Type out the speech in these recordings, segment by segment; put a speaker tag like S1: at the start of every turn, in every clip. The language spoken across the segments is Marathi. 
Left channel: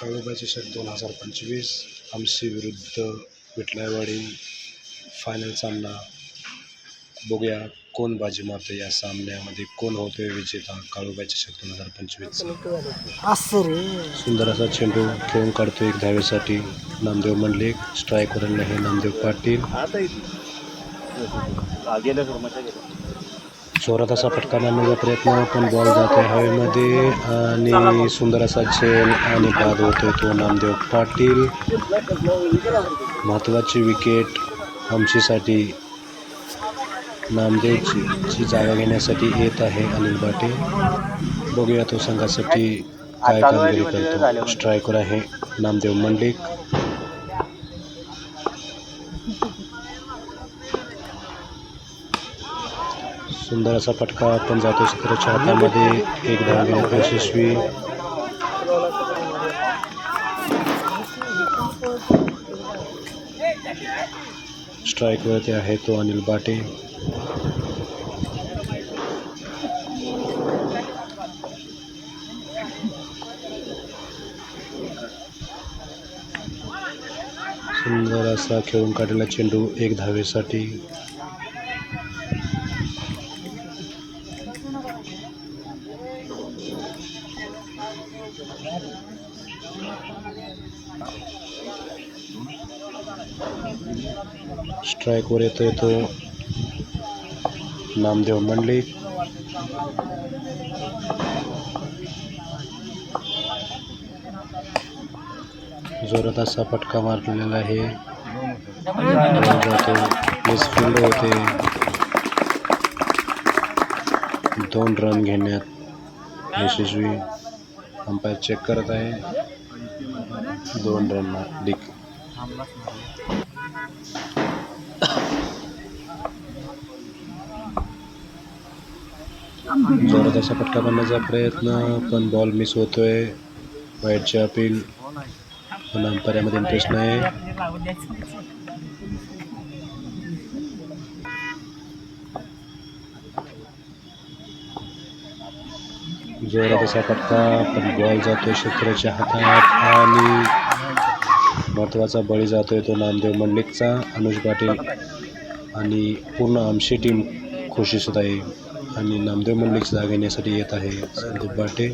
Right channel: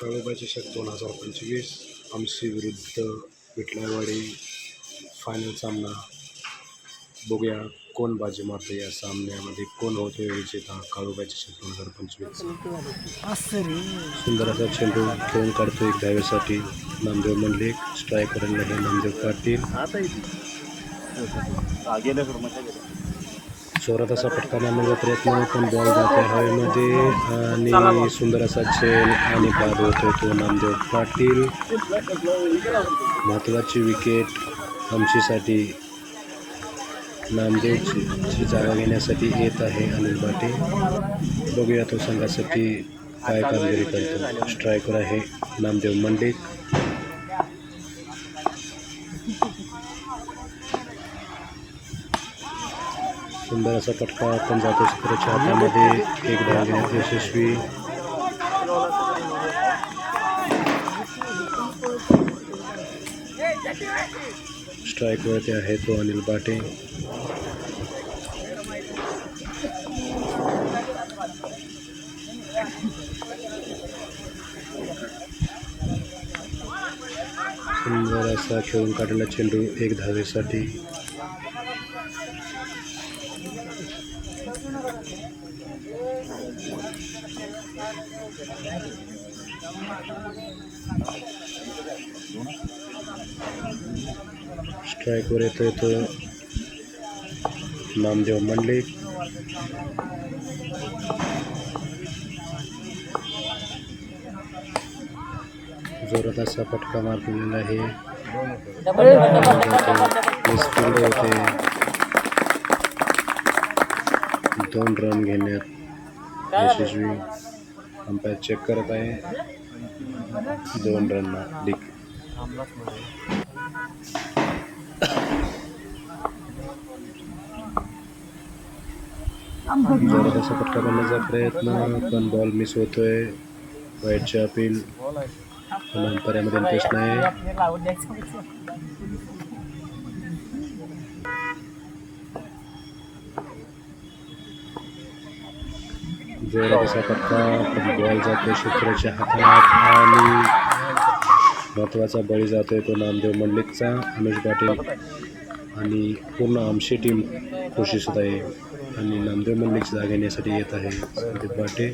S1: काळूबाई चषक दोन हजार पंचवीस आमशी विरुद्ध विठलायवाडी फायनल सामना. बघूया कोण बाजी मारतं या सामन्यामध्ये कोण होतोय विजेता काळूबाई चषक दोन हजार पंचवीस. सुंदर असा चेंडू खेळून काढतो एक धावेसाठी. नामदेव मंडलिक स्ट्रायकर आहे नामदेव पाटील. जोरात असा फटका मारण्याचा प्रयत्न पण बॉल जातो. हवेमध्ये आणि सुंदर असा झेल आणि बाद होतो तो नामदेव पाटील. महत्त्वाची विकेट आमचीसाठी नामदेवची जागा घेण्यासाठी येत आहे. अनिल पाटील बघूया तो संघासाठी काय कामगिरी करतो. स्ट्रायकर आहे नामदेव मंडिक सुंदर असा फटका आपण जातो चित्राच्या हातामध्ये. एक धाव यशस्वी. यशस्वी स्ट्राईकवरती आहे तो अनिल बाटे. सुंदर असा खेळून काढलेला चेंडू एक धावेसाठी. स्ट्राईकवर येतो येतो नामदेव मंडळी जोरात असा फटका मारलेला आहे मिसफिल्ड होते दोन रन घेण्यात यशस्वी अंपायर चेक करत आहे दोन रन डिक जोरात असा फटका प्रयत्न पण बॉल मिस होतोय. वाईटचे अपील पण इंटरेस्ट नाही जोरात असा पण बॉल जातोय शेतकऱ्याच्या हातात. आणि महत्त्वाचा बळी जातो आहे तो नामदेव मंडलिकचा अनुज पाटील आणि पूर्ण आमची टीम खुशीसुद्ध आहे. आणि नामदेव मंडलिकची जागा घेण्यासाठी येत आहे संदीप बाटे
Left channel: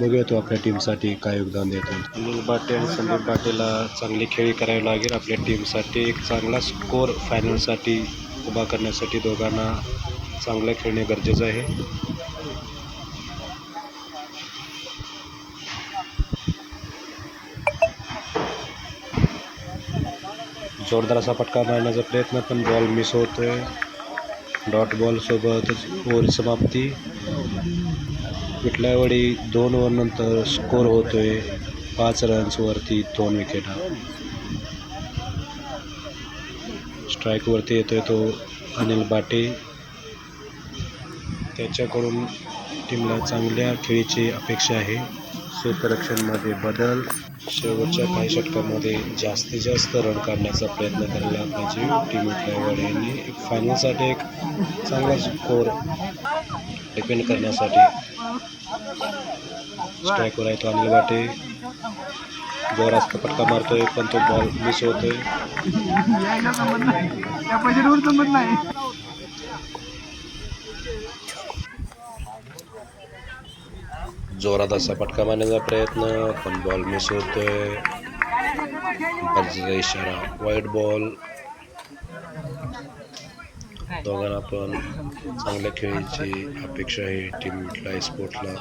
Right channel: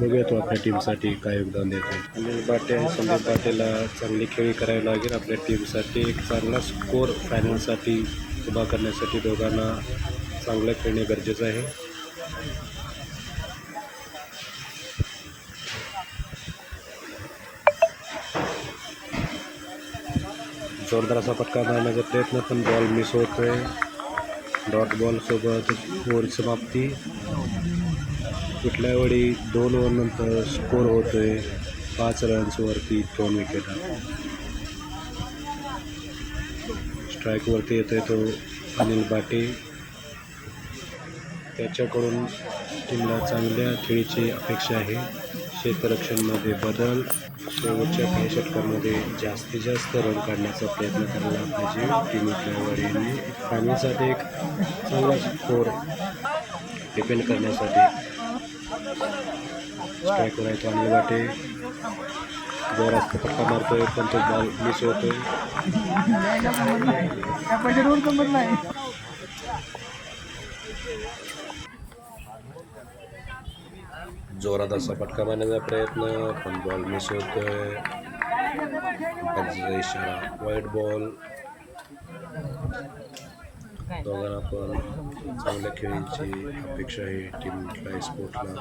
S1: बघूया तो आपल्या टीमसाठी काय योगदान देत आहे. अनिल बाटे आणि संदीप बाटेला चांगली खेळी करावी लागेल. आपल्या टीमसाठी एक चांगला स्कोर फायनलसाठी उभा करण्यासाठी दोघांना चांगलं खेळणे गरजेचं आहे. जोरदार असा फटका मारण्याचा प्रयत्न पण बॉल मिस होतोय. डॉट बॉलसोबतच ओव्हर समाप्ती. विठलावाडी दोन ओव्हरनंतर स्कोर होतोय पाच रन्सवरती दोन विकेट स्ट्राईकवरती येतोय तो अनिल बाटे. त्याच्याकडून टीमला चांगल्या खेळीची अपेक्षा आहे. क्षेत्ररक्षणमध्ये बदल. शेवटच्या काही षटकामध्ये जास्तीत जास्त रन काढण्याचा प्रयत्न करायला पाहिजे. टीम विठलावाडीने फायनलसाठी एक चांगला स्कोर डिपेंड करण्यासाठी. स्ट्राईकवर आहे तो अनिल बाटे जोरात फटका मारतोय पण तो बॉल मिस होतोय. जोरात असा फटका मारण्याचा प्रयत्न. पण बॉल मिस होतोय. इशारा वाईट बॉल दोघांना पण चांगल्या खेळीची अपेक्षा आहे टीम स्पोर्टला स्पोर्ट्सला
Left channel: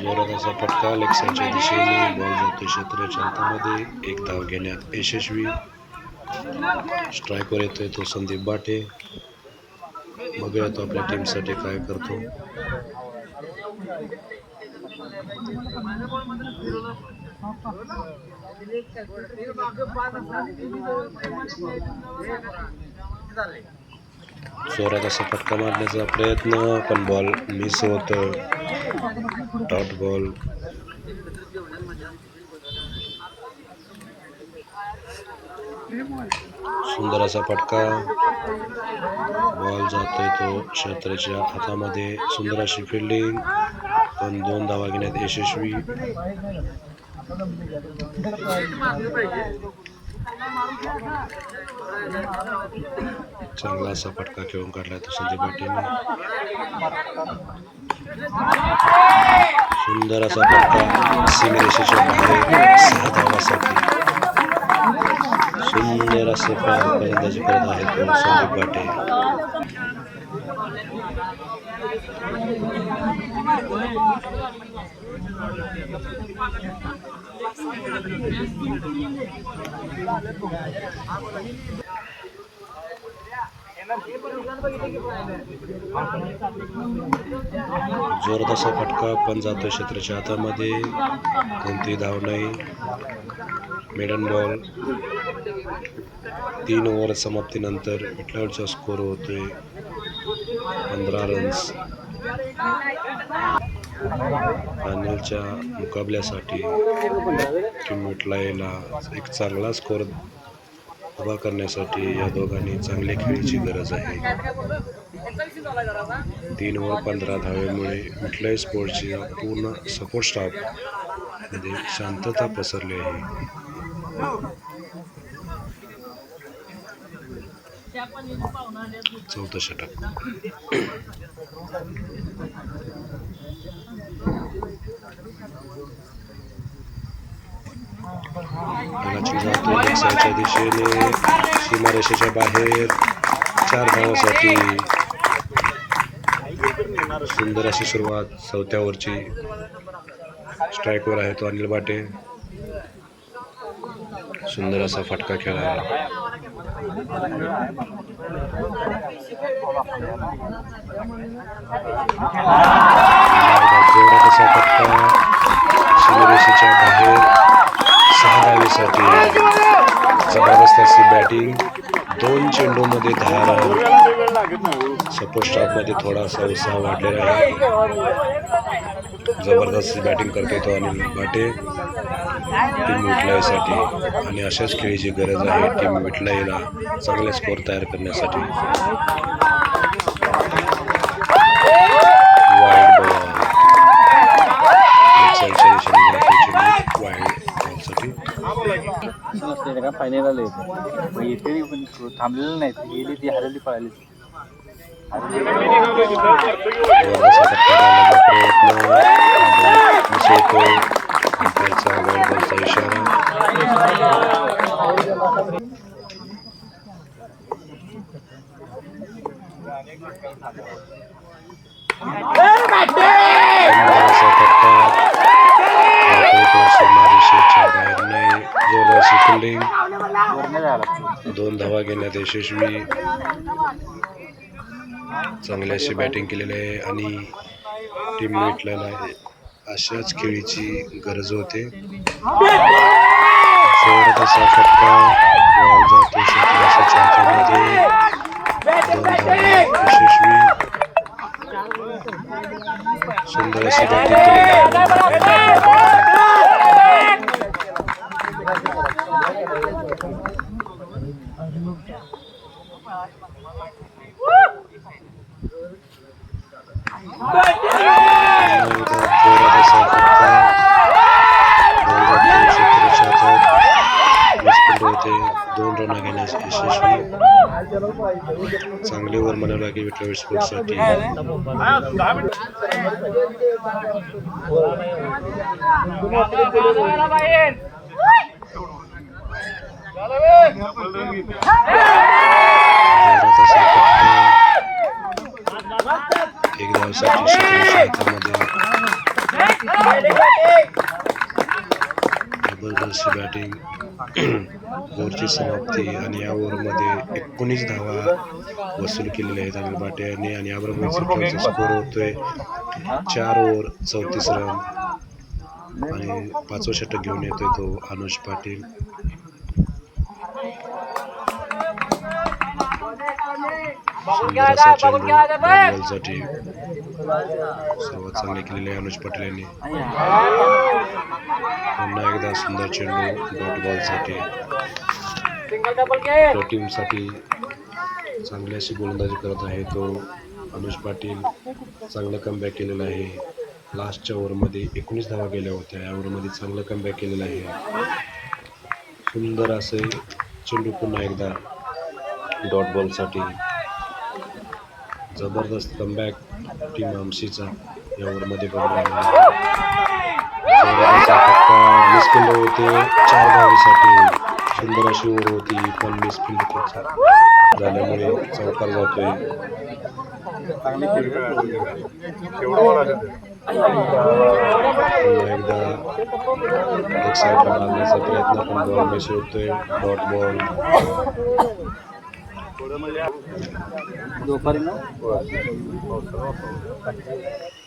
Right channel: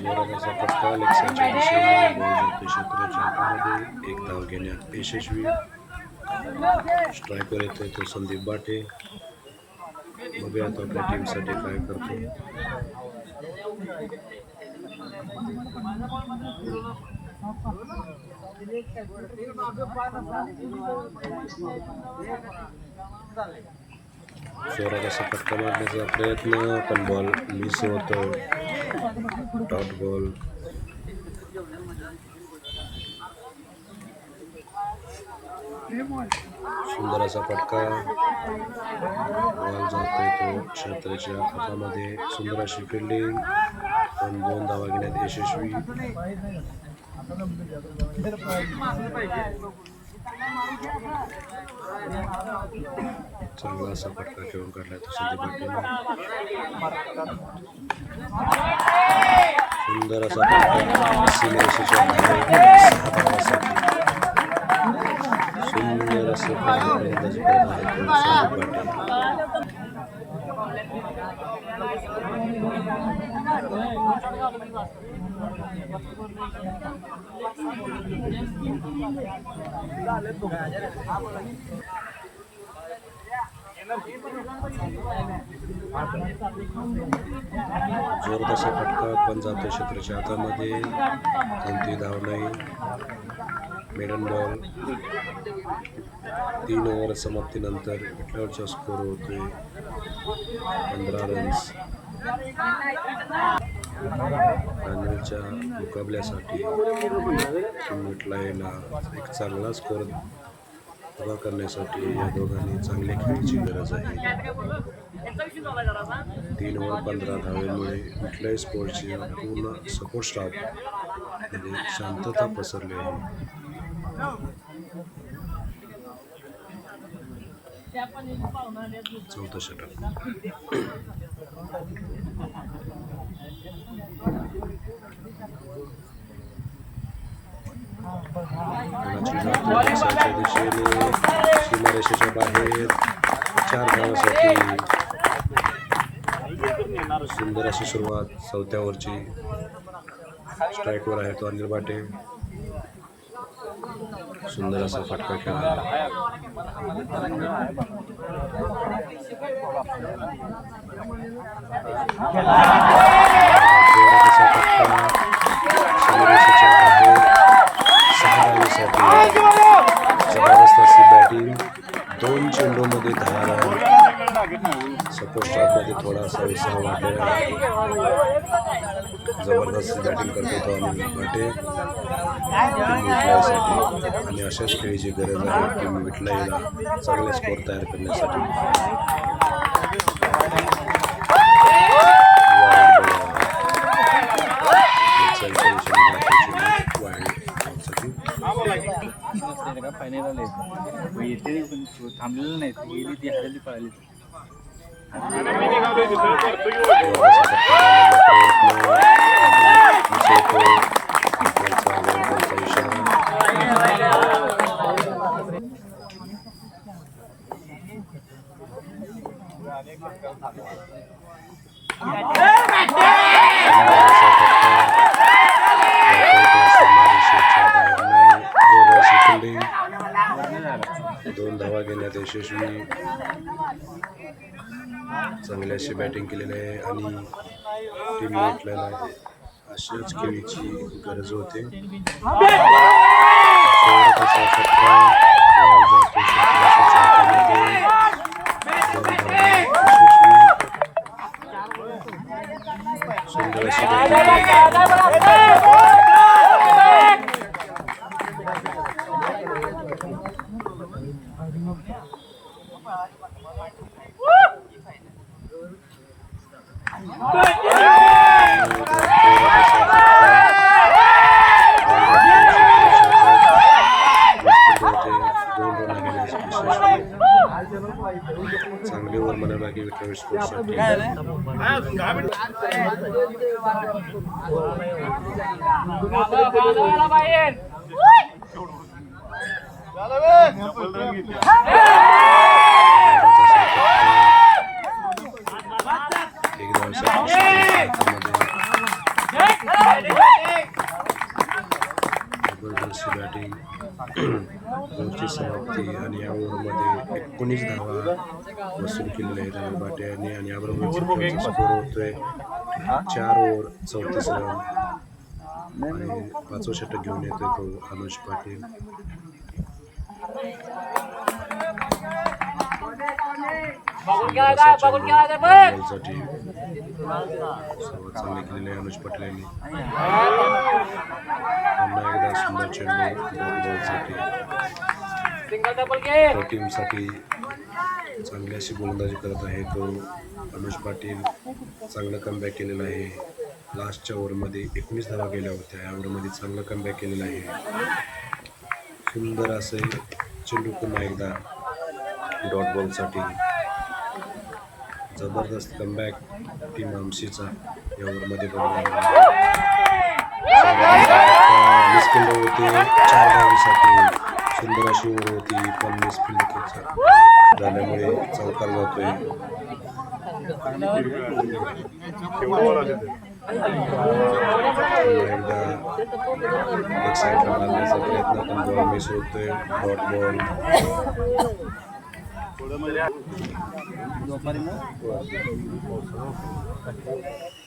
S1: जोरात असा फटका. लेक्साच्या दिशेने बॉल जातो क्षेत्राच्या हातामध्ये एक धाव घेण्यात यशस्वी. स्ट्राईकवर येतोय तो संदीप बाटे. बघूया तो आपल्या टीमसाठी काय करतो. जोरात असा फटका मारण्याचा प्रयत्न पण बॉल मिस होतो डॉट बॉल सुंदर असा फटका. बॉल जातोय तो क्षेत्राच्या हातामध्ये. सुंदर अशी फिल्डिंग पण दोन धावा घेण्यात यशस्वी. चांगला असा फटका खेळून काढलाय तो संजय पाटील. सुंदर असा फटका. सीमरेषेच्या बाहेर. सहा धावासाठी. सुंदर असे फलंदाजी करत आहेत तो संदीप पाटील जोरात असा फटका पण जातोय क्षेत्राच्या हातामध्ये. कोणतीही धाव नाही. मेडन बॉल तीन ओव्हर समाप्तीनंतर विटलावरचा स्कोर होतोय. पंधरा रन्स फायनलच्या मुकाबल्यासाठी टीम विटलायला एक चांगला स्कोर उभा करण्यासाठी या दोघांनी चांगल्या खेळीची गरज आहे. तीन व पंधरा धावेमुळे कुठल्याही स्पोर्ट्सची पूर्ण सपोर्ट स्टाफ म्हणजे शांतता पसरली आहे. चौथं षटक. मुलाची जातो दिसाच्या दिशेने सीमारेषेच्या बाहेर चार धावासाठी सुंदर अशी सुरुवात चौथ्यावरची स्ट्राईकवर आहे तो अनिल बाटे. सुंदर असा फटका खेळा जोरात असा फटका. सीमारेषेच्या बाहेर. सहा धावेसाठी जबरदस्त अशी बॅटिंग दोन चेंडूमध्ये दहा रन सपोर्ट स्टाफमध्ये थोडासा उत्साह वाढलेला आहे. जबरदस्त बॅटिंग करतोय तो अनिल भाटे. टीम विटलायसाठी आणि अशाच खेळीची गरज आहे. टीम विटलायला चांगले स्कोर तयार करण्यासाठी. वाईट बॉल दिशेने जायची वाईड बॉलसाठी
S2: नसते का फायनल आले मग येते पण थांबलेलं नाही गेली ती हरली पळाली
S1: जोराचा फटका घालण्याचा प्रयत्न बाहेर नाही फिल्डिंग दोन धावा घेण्यात यशस्वी. चांगली अशी बॅटिंग केलेली आहे आणि टीम आहे. अशाच खेळीची गरज होते. यशस्वी. सुंदर अशी बॅटिंग केलेली आहे जोरात असा फटका बॉल जातो क्षेत्राच्या हातात वीस होते दोन रन घेण्यास यशस्वी चांगली ओव्हर म्हणावं लागेल विठ्ठल फटका एक धावसाठी जबरदस्त बॅटिंग ओव्हरची समाप्ती आणि या ओव्हरमध्ये एकोणीस धावा वसूल केलेल्या आहेत अनिल बाटे यांनी आणि अब्रामोविचचा स्कोर होतोय. चार ओव्हर चौतीस रन आणि पाचवं षटक घेऊन येतोय तो अनुज पाटील. सर्वात चांगले केलेले आहे अनुज पाटील यांनी. सुंदर चेंडू डॉट बॉलसाठी टीमसाठी चांगली अशी गोलंदाजी करत आहे. तो अनुज पाटील चांगलं कमबॅक केलेलं आहे. लास्टच्या ओव्हरमध्ये एकोणीस धावा गेल्या होत्या. या ओव्हरमध्ये चांगलं कमबॅक केलेलं आहे. सुंदर असे चेंडू पुन्हा एकदा डॉट बॉलसाठी. जबरदस्त कमबॅक टीम आमशीचा या ओव्हरमध्ये बघायला मिस केले होते चार धावीसाठी सुंदर अशी ओढ होती पण मिस फील्ड झाल्यामुळे चौकार जातोय एकदा एक साईडला मारण्याचा प्रयत्न पण बॉल मिस होतोय डॉट बॉल
S2: दुपारी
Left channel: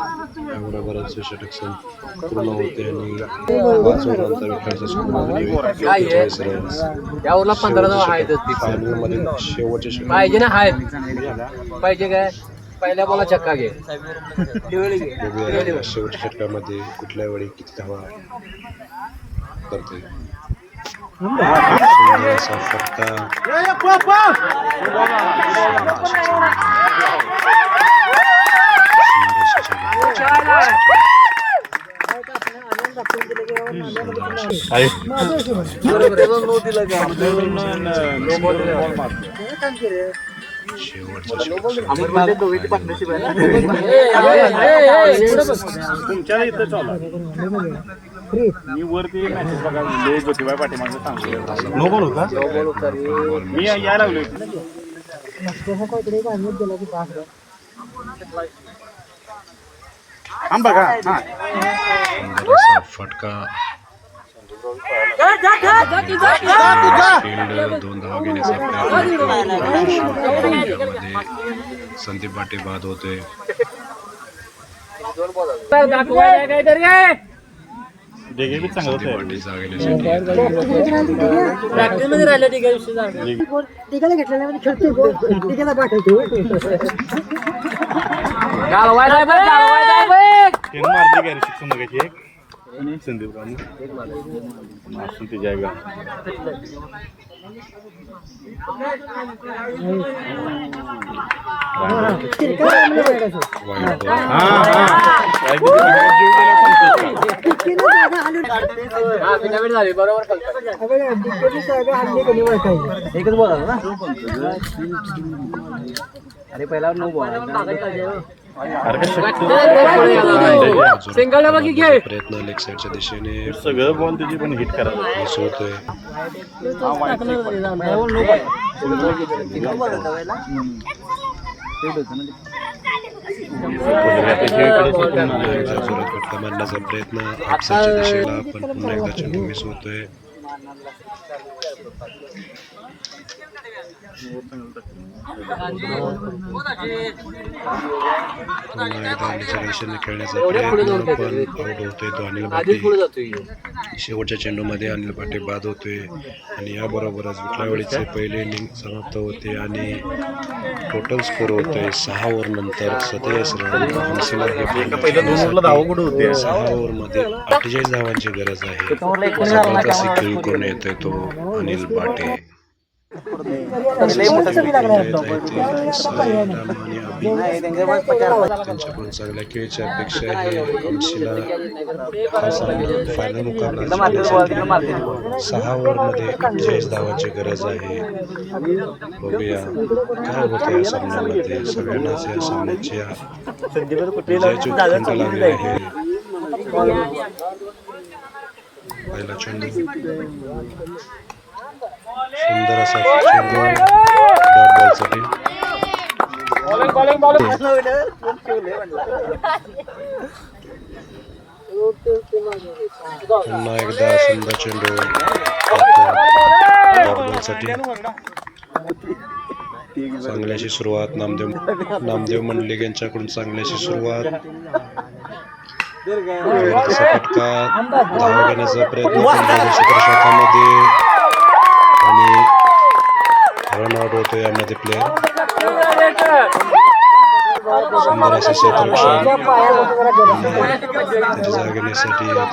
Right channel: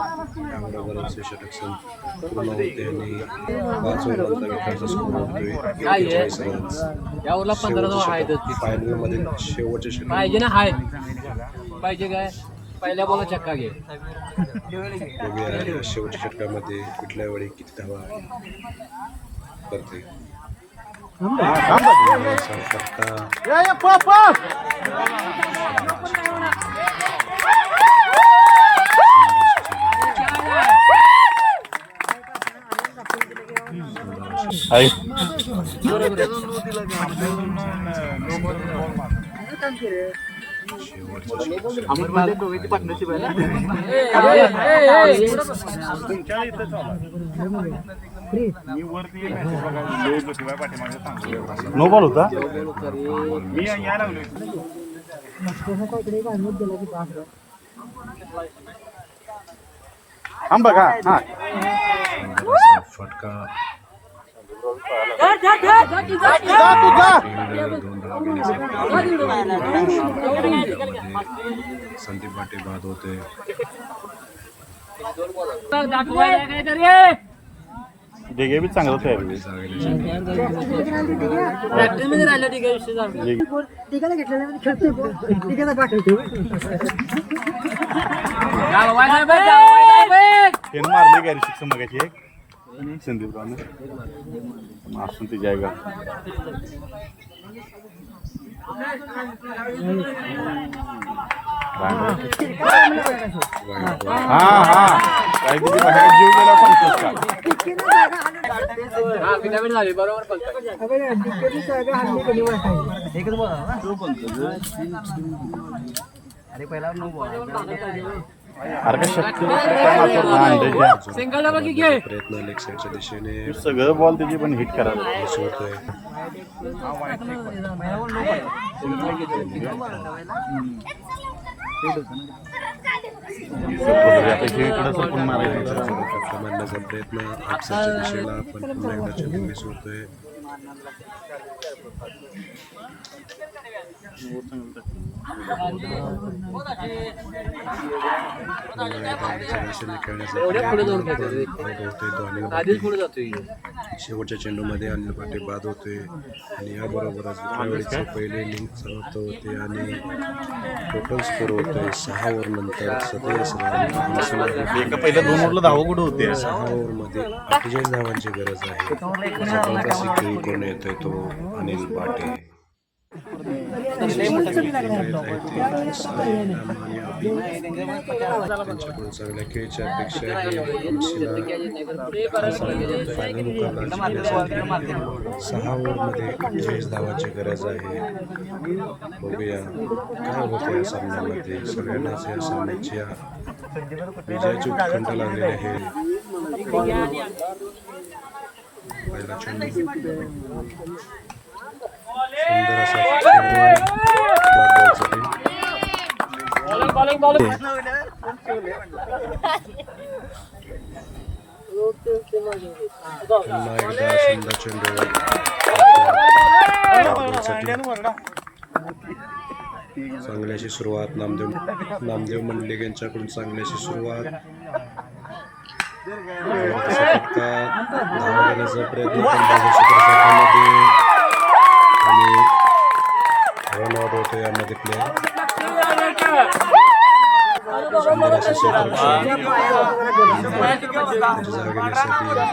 S1: याबरोबरच हे षटक सं- पूर्ण होते आणि पाच ओव्हरांचा विकेटचा स्कोर एकेचाळीस रन्स
S2: यावरला पंधरा धावा आहेत
S1: फायनलमध्ये शेवटचे षटक.
S2: पाहिजे ना आहेत. पाहिजे काय? पहिल्या बोला चक्का घे.
S1: बघूया शेवटच्या षटकामध्ये कुठल्या वेळी किती धावा करते. फटका
S3: तुमच्या इथं चालू मी वरती लय ज्योतिबा पाठीमागे सांगतो
S1: नो बॉल होता
S3: मी यायला लागलो हा.
S1: फटका. दोन धावा घेण्याचा प्रयत्न यामध्ये संदीप बाटे बाद होते
S3: डेगे बी चांगलं
S2: राहिलं विषय
S4: घेतलेला खेळतो. तिघाला पाठवतो
S2: गालवाय
S3: मारली गाडी शिक्षण मगाची एक संदीप असून जायगा हा हा काय जीव गेला
S2: बरोबर एकच बोला ना अरे पहिला नऊ बोला
S1: प्रयत्न लेग साईडच्या दिशेने
S3: सगळं बॉल त्याची पण हिट करायला
S1: होतोय
S3: इकडे
S1: फटका प्रयत्न आपसाच्या दिशेला पण पुन्हा एकदा चेंडू मिस होतोय दिशेने खेळण्याचा प्रयत्न पण आउट होतोय तो अनिल पाटील.
S2: जातोय.
S1: शेवटच्या चेंडूमध्ये अनिल पाटे बाद होतोय. आणि याबरोबरच विठलावेळीचे पहिले इनिंग समाप्त होते आणि टोटल स्कोर होतोय सहा ओव्हर नंतर सत्तावीस रन हंसीला हे सहा ओव्हरमध्ये अठ्ठेचाळीस धावांची गरज आहे. जबरदस्त खेळी करून येतोय तो अनिल पाटे त्यांच्याकडून चांगल्या खेळीची अपेक्षा आहे हंसीला हा सामना फायनल मुकाबला जिंकण्यासाठी सहा ओव्हरमध्ये अठ्ठेचाळीस धावांची गरज आहे बघूया काय होतं या सामन्यामध्ये सगळ्यांनाच या सामन्याची विजयाची उत्कंठ लागलेली आहे पहिला चेंडू सुंदर असा पुन्हा एकदा सुंदर चेंडू चांगल्याशी सुरुवात नामदेव नामदेव मंडलिक यांच्याकडून चांगल्याशी सुरुवात फटका. धावा घेण्याचा प्रयत्न पण बाजू क्षेत्रक्षेत्रामध्ये आणि रनआउट होतो यामध्ये प्लेयर सुंदर असं क्षेत्ररक्षण त्याची जागा घेण्यासाठी येत आहे.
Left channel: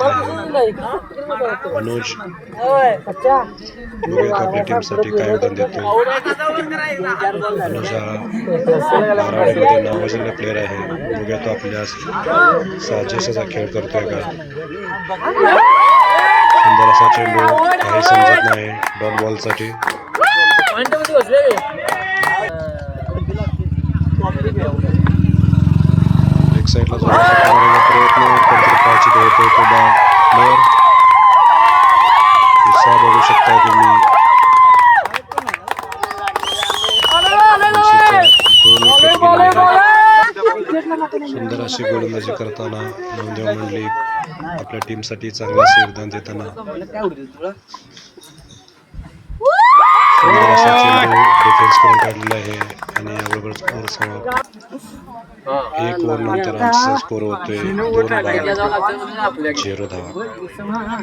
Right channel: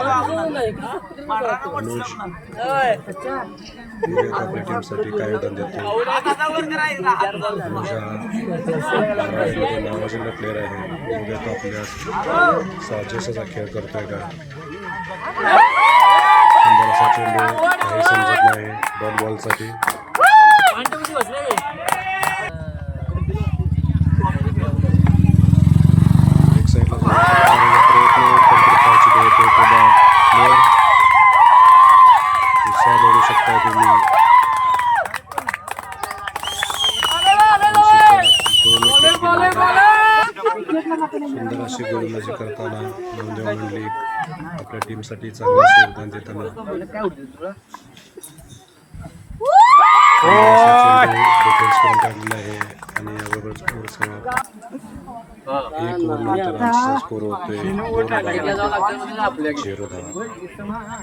S1: बघूयात आपल्या टीमसाठी काय योगदान देतो अनुज हा बारावाडीमध्ये नावाजलेला प्लेअर आहे. बघूया तो आपल्या साजेस असा खेळ करतोय का? सुंदर असा चेंडू काही समजत नाही डॉट बॉलसाठी. एक साईडला जो प्रयत्न कोणतरी पाहायची होतोय तो बा प्लेअर उत्साह बघू शकता तुम्ही. दोन विकेट सुंदर अशी गोलंदाजी करताना नवदेव मंडलिक आपल्या टीमसाठी चांगलं योगदान देताना. डिफेन्स करून काढलेला आहे आणि याबरोबर स्कोर समाप्त एक ओव्हर नंतर आमचा स्कोर होतोय. दोन बाद झिरो धावा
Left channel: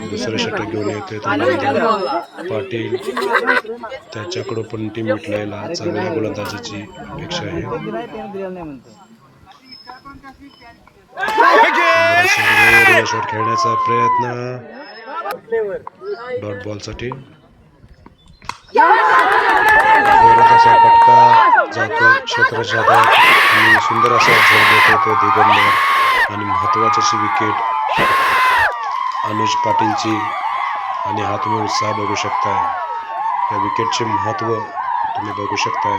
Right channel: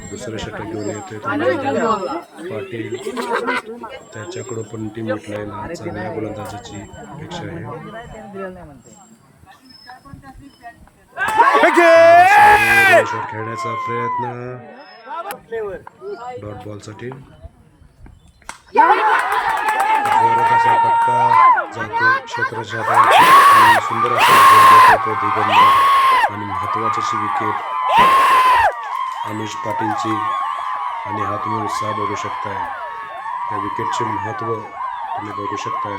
S1: दुसरं षटक घेऊन येतोय तो नामदेव पाटील. त्याच्याकडं पण टीम विटलायला चांगल्या गोलंदाजाची अपेक्षा आहे. शॉट खेळण्याचा प्रयत्न. डॉट बॉलसाठी जोरात असा फटका जातो क्षेत्राच्या हातात आणि सुंदर असा झेल देतो तो दिगंबर. आणि महत्त्वाची अशी विकेट अनुज पाटीलची. आणि हा तुम्ही उत्साह बघू शकताय. या विकेटचे महत्त्व तुम्ही बघू शकताय.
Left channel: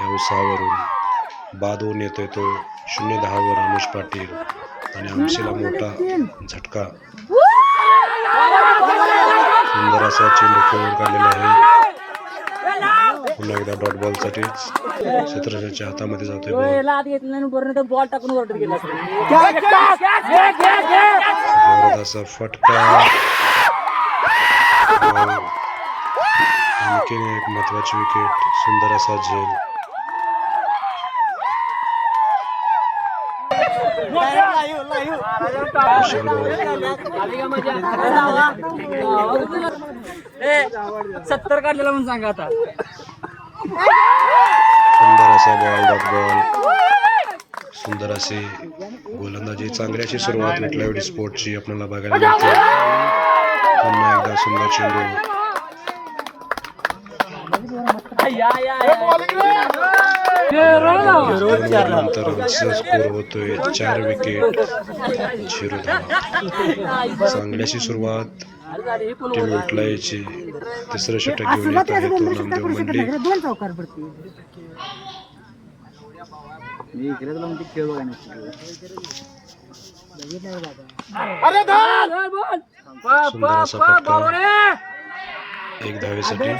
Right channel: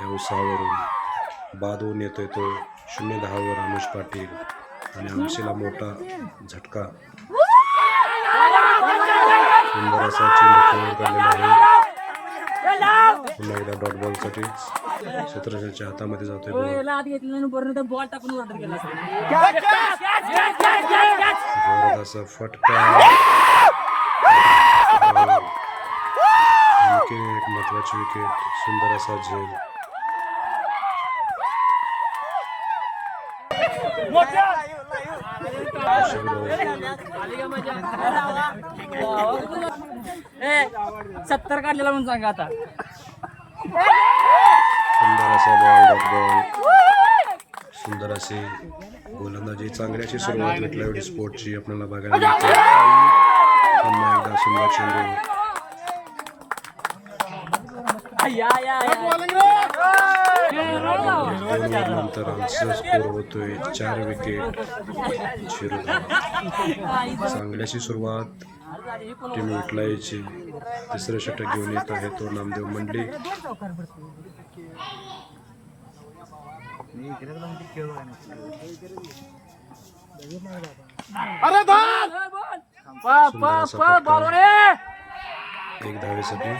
S1: या उत्साहावरून. बाद होऊन येतोय तो शून्य दहावर अनुज पाटील आणि आमशीला मोठा झटका. सुंदर असा चेंडू खेळून काढलेला आहे. पुन्हा एकदा डॉट बॉलसाठी क्षेत्ररक्षणाच्या हातामध्ये जातोय बॉल
S5: टाकून
S1: जोरात असा फटका. आणखीन एक महत्वाची विकेट सुंदर असा झेल.
S5: सत्तर काढलेला म्हणून सांगा आता.
S1: सुंदर असा बॉल डॉट बॉल सुंदर अशी गोलंदाजी चांगली अशी सुरुवात विटलावडी स्पोर्टची आपल्याला बघायला मिळते. पुन्हा एकदा सुंदर चेंडू.
S5: या या
S1: दोन ओव्हर नंतर आमचा स्कोर होतोय चार विकेट झिरो धावा चांगल्याशी सुरुवात टीम विटलायची तिसरं षटक घेऊन येत आहे तो नामदेव
S4: पडते
S1: सुंदर असा फटका एक धावेसाठी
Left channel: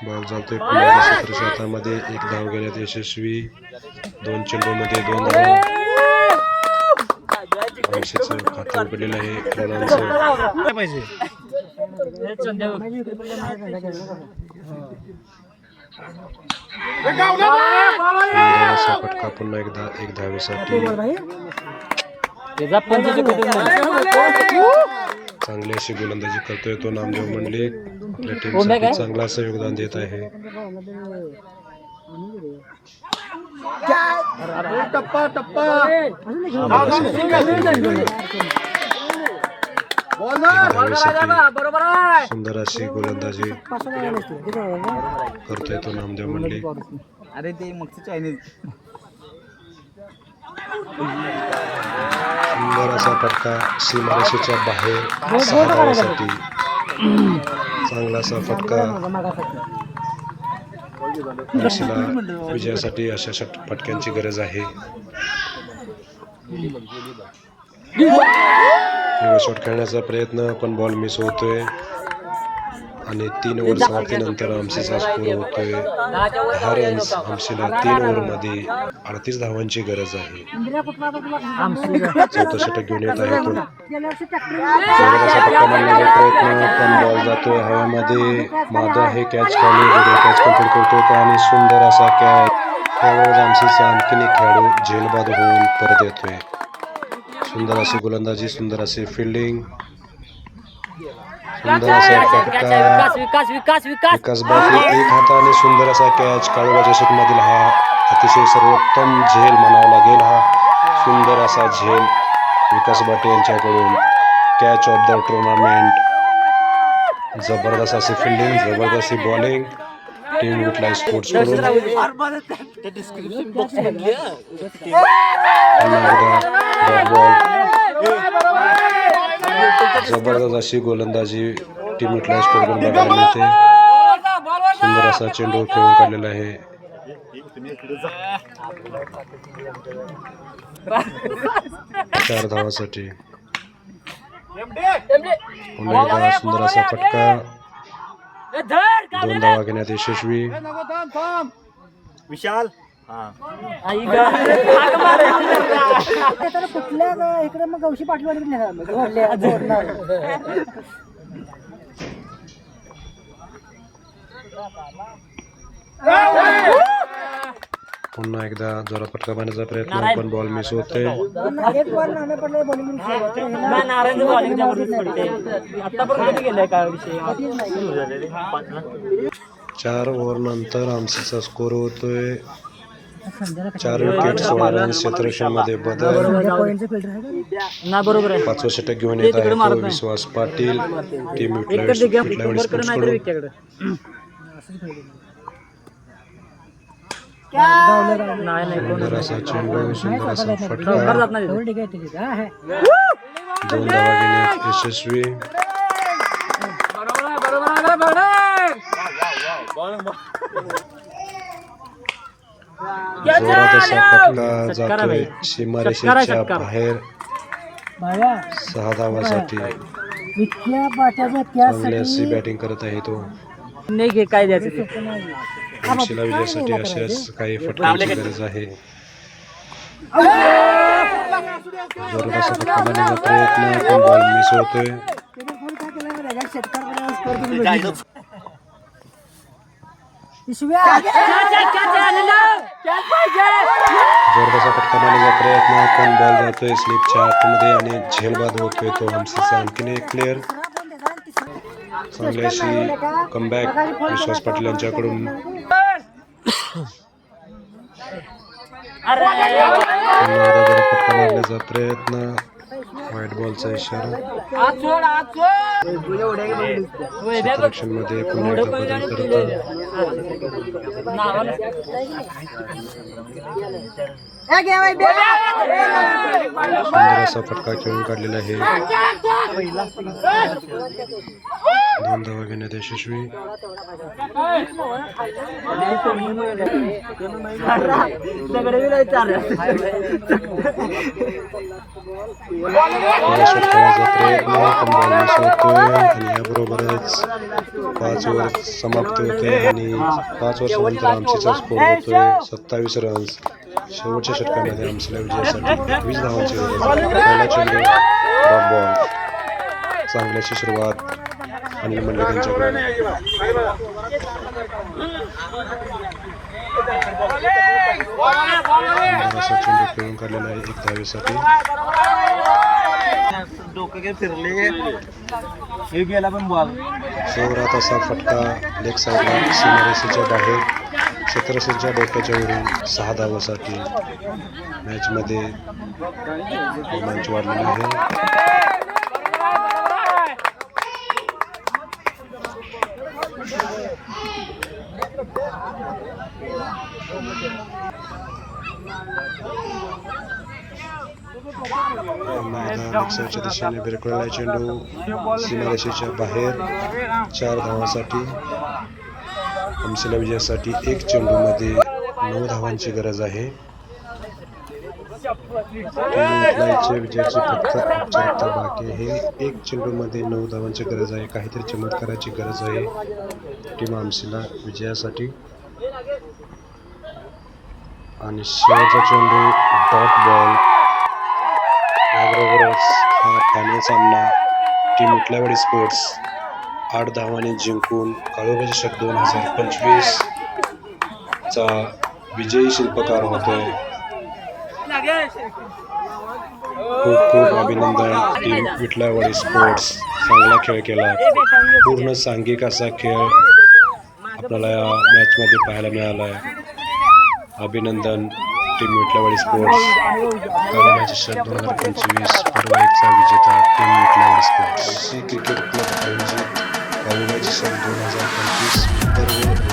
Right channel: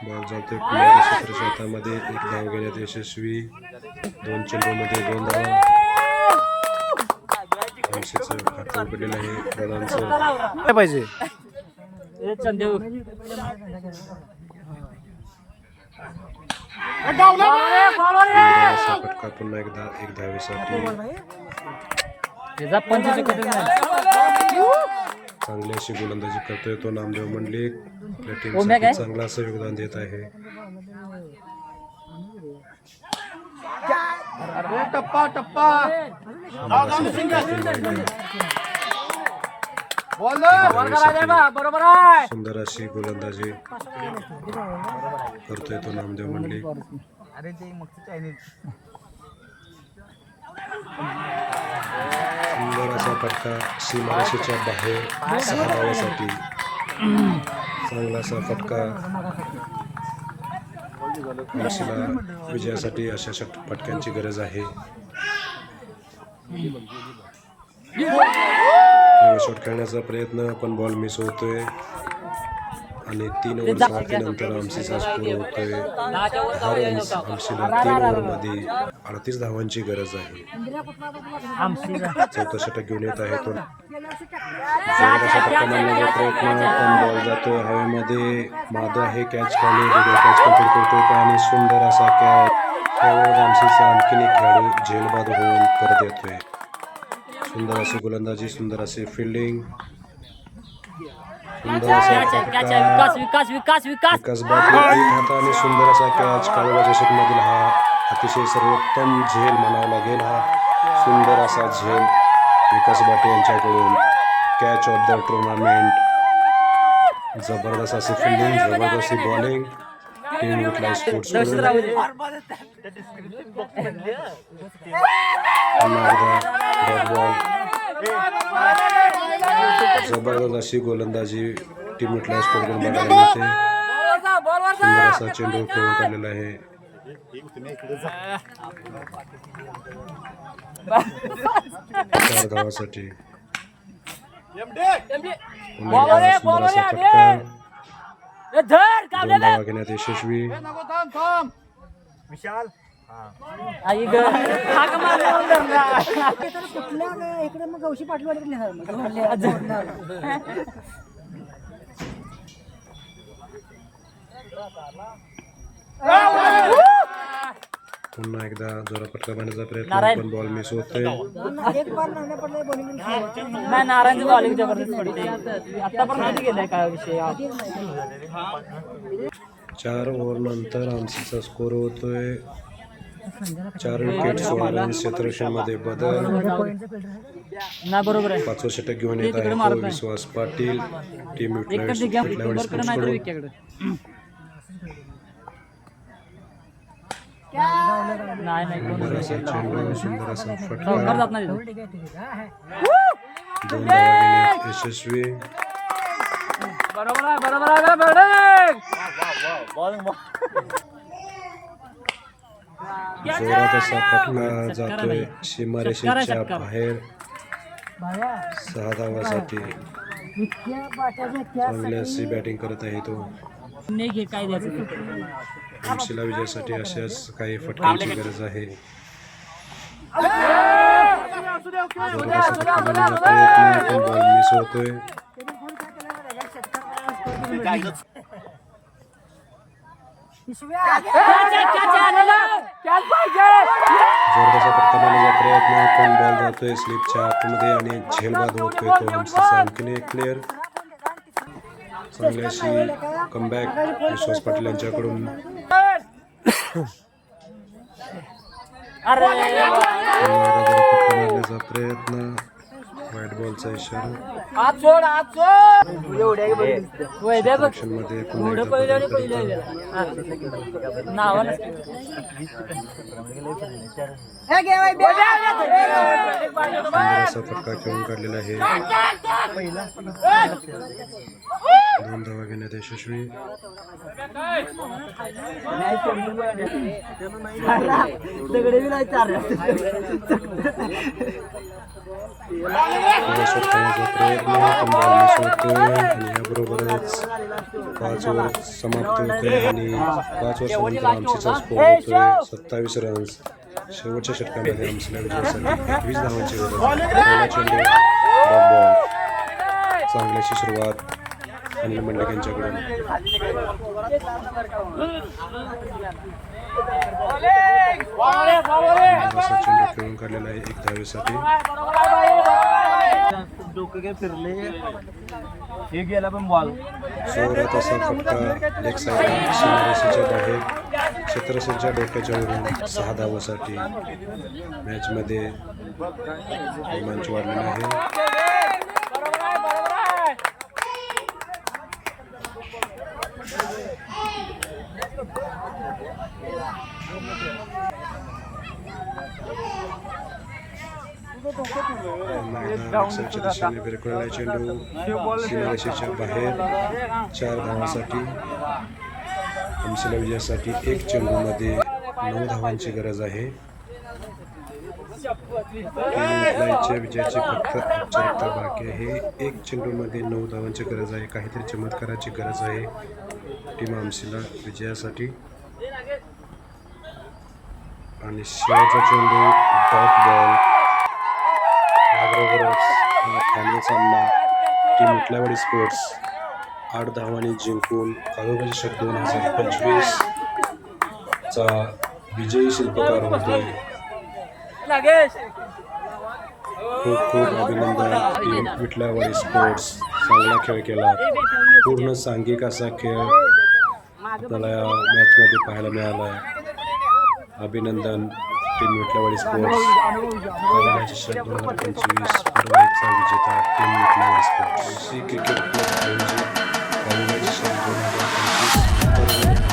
S1: बॉल जातोय पुण्याच्या सत्र हातामध्ये एक धाव घेण्यात यशस्वी दोन चेंडूमध्ये दोन धाव ऐंशीचं खातं उघडलेलं आहे रणांचं
S3: पाहिजे
S1: असा फटका पुन्हा एकदा एक धावेसाठी चांगली अशी गोलंदाजी करतोय तो नामदेव मंडलिक आपल्या टीमसाठी चांगलं असं योगदान देत आहे टप्पा टप्पा
S5: बरोबर आहे.
S1: सुंदर अशी गोलंदाजी करतोय तो नामदेव मंडलिक
S2: अरे ते
S1: सुंदर असा फटका सीमारेषेच्या बाहेर सहा धावासाठी चांगला असा फटका. आरसीला विजयासाठी अशा फटक्यांची गरज आहे. शॉट खेळण्याचा प्रयत्न पण बॉल मिस होतोय. आणि तीन ओव्हर समाप्तीनंतर आमसीचा स्कोर होतोय. दहा रन्स आमसीला तीन ओव्हरमध्ये अडतीस धावांची गरज आहे. चौथं षटक घेऊन येत आहे तो. जोराचा मारण्याचा प्रयत्न पण बॉल जातोय हवेमध्ये. माधव आहे कॅच खाली कॅच कंप्लीट करतोय आणि सुंदर असा कॅच त्यावेळेस आमसीचा आणखीन एक खेळाडू झेलबाद होऊन परत येतोय. सुंदर अशी गोलंदाजी सुंदर असे फिल्डिंग सुंदर असा फटका
S5: विकास विकास विकास विकास.
S1: विकास बापू एक हाताने सुंदर असा कॅच काळोबा चषकमधील हा अतिशय सर्वोत्तम झेल म्हणावा लागेल हा. सुंदर असा झेल विकास बाटे यांच्याकडून. कॅच ऑफ द टुर्नामेंट जबरदस्त असे फिल्डिंग जबरदस्त अशी बॉलिंग टीम विटलाय स्पोर्ट्सकडून. जबरदस्त अशी गोलंदाजी टीम विटलाय स्पोर्टकडून बघायला मिळते. सुंदर असा चेंडू खेळून काढलेला आहे. चार धावासाठी. सुंदर असा फटका. दोन धावा घेण्यात यशस्वी.
S3: विशाल.
S4: कुठल्या इकडे मग. जोडले- जोडणार.
S1: पुन्हा एकदा जोरात फटका मारण्याचा प्रयत्न पण बॉल मिस होतोय
S4: एक बार नामे पडले बॉलिंग
S5: नारायण बॉलिंग जबरदस्त पडते आतापर्यंत गेलाय काय विषय
S1: चार ओव्हर नंतर आमसीचा स्कोर होतोय चार विकेट सोळा रन क्षेत्ररक्षणमध्ये बदल.
S5: ना बरोबर. आहे
S1: पाचवं षटक घेऊन येत आहे तो विश्वास पाटील. टीम सुंदर असा चेंडू सुंदर असा फटका.
S4: आहे.
S1: दोन धावा घेण्यात यशस्वी.
S5: बरोबर आहे बरोबर
S1: जोरात असा फटका जातोय. सीमारेषेच्या. बाहेर. सहा धावासाठी. चांगली अशी बॅटिंग करत आहे तो.
S5: नाही घे काय द्यायचं ते.
S1: विजयासाठी अशाच काही फटक्यांची गरज आहे. जोरात असा फटका मारण्याचा प्रयत्न पण बॉल मिस होतोय असा फटका मारण्याचा प्रयत्न पण बॉल जातोय स्लिपच्या आतमध्ये आणि झेलबाद होतोय तो आमसीचा आणखीन एक प्लेअर चांगली अशी कमबॅक विश्वास पाटील यांच्याकडून। फटका मारण्याचा प्रयत्न। व्हाईट बॉलचा इशारा. मध्ये पुन्हा एकदा बदल सुंदर असा फटका खेळून काढलेला आहे. दोन धावा घेण्यात यशस्वी.
S5: दगडे
S1: बॉल मिस होतोय आणि याबरोबरच पाच ओव्हर समाप्त होते आणि पाच वर्षानंतर आमचीचा स्कोर होतोय सत्तावीस रन्स शेवटच्या षटकामध्ये आमचीला विजयासाठी एकवीस धावांची गरज पहिला चेंडू बॉल चांगल्याची सुरुवात. अनिल मंडलिक यांच्याकडून. असा चेंडू खेळून काढलेला आहे एक धावेसाठी
S2: डोकं काय फिरले हे गेला पण बॉल
S1: जोरात असा फटका लेग साईडला सीमारेषेच्या बाहेर क्षेत्रसेच्या डोक्याच्या वरून सहा धावासाठी मॅचमध्ये रोमांच वाढलेला आहे. साईडच्या दिशेने बिरकळलेला चेंडू सीमारेषेच्या बाहेर चार धावासाठी. आमसीला विजयासाठी एक चेंडूमध्ये नऊ धावांची गरज आहे. विजयाची फक्त औपचारिकता बाकी आहे. एक चेंडूमध्ये नऊ धावांची गरज आहे. काहीतरी चमत्काराची गरज आहे. टीम आमसीला विजयासाठी. आणि शेवटचा चेंडू डॉट बॉल. याबरोबरच फायनल सामना. टीम उठल्यावाडी स्पोर्ट्स आठ धावांनी जिंकून काळोबा चषक दोन हजार पंचवीस चा विजयी शिल्पकार होतोय. खूप खूप अभिनंदन. टीम विठलावाडी स्पोर्ट्स चांगला खेळ केला. पूर्ण सांघिक असा खेळ आपल्याला या मॅचमध्ये पाहायला मिळाला आहे अभिनंदन. टीम मिटलावाडी स्पोर्ट्स कालबाचे शर्ट दोन हजार पंचवीस परवाईचा विजेता टीम मिटलावाडी स्पोर्ट्स क्रिकेट क्लब आयोजित. शर्ट दोन हजार पंचवीस